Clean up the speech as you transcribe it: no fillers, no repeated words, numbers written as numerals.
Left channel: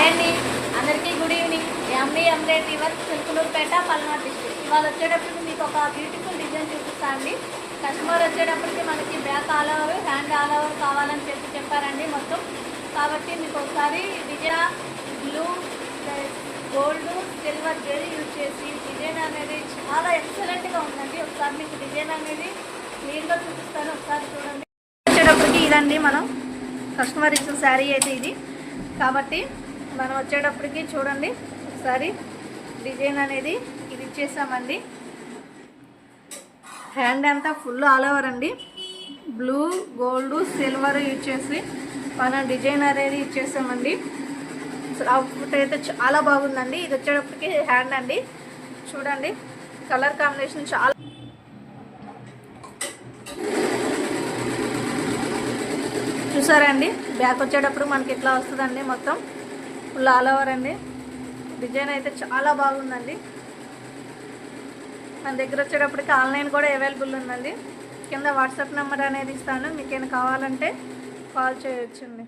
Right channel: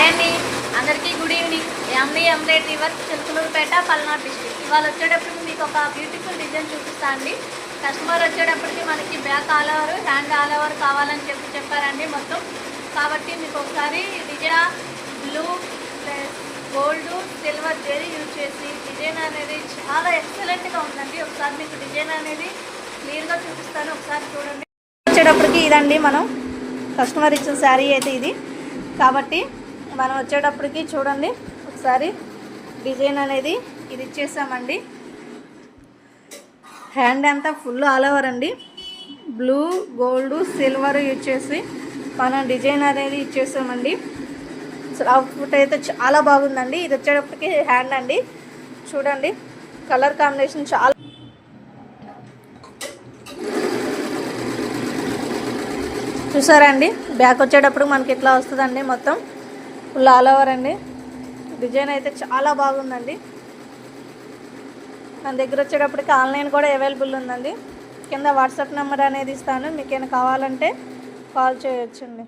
Hi అండి, అందరికీ good evening. Yamini embroidery work Chilakaluripet, Palnadu district. ఇవాళ వచ్చేటప్పటికి మీకు ఒక బ్యూటిఫుల్ డిజైన్ చూపిస్తా అండి. కస్టమర్ వచ్చేటప్పటికి మనకి back all over, hand all over కావాలని చెప్పారండి మొత్తం. కాబట్టి మీకు ఒకసారి design blue plus gold silver zari use చేసి డిజైన్ అనేది చాలా ఎక్సలెంట్గా ఉందండి. ఒకసారి మీకు డిజైన్ అనేది క్లియర్గా చూపిస్తాను, ఒకసారి చూడండి. వచ్చేటప్పటికి ఇదండి మనం కస్టమర్ ఇచ్చిన శారీ అయితే ఇది. కాబట్టి మనం వచ్చేటప్పటికి చూడండి ఒకసారి డిజైన్ అనేది ఇది ఇచ్చేసామండి. హ్యాండ్ అంతా ఫుల్ ఆల్ ఓవర్ అండి. బ్లూ గోల్డ్ సిల్వర్ ఇచ్చేసి మనం డిజైన్ అనేది ఇచ్చేసామండి. అవుట్ఫుట్ అయితే చాలా బాగుందండి. ఇది వచ్చేటప్పటికి హ్యాండ్ అండి. చూడండి కలర్ కాంబినేషన్ చాలా చూసారండి. బ్యాక్ వచ్చేటప్పుడు మనకి ఇట్లా వస్తుందండి. మొత్తం ఫుల్ ఆల్ ఓవర్ అండి. డిజైన్ అయితే చాలా బాగుందండి. మన దగ్గర వచ్చేటప్పటికి ఆన్లైన్ కూడా అవైలబుల్ ఉందండి. కింద వాట్సాప్ నెంబర్ అనేది ఇస్తాను, మీకు ఏమైనా కావాలంటే కాల్ చేయొచ్చండి.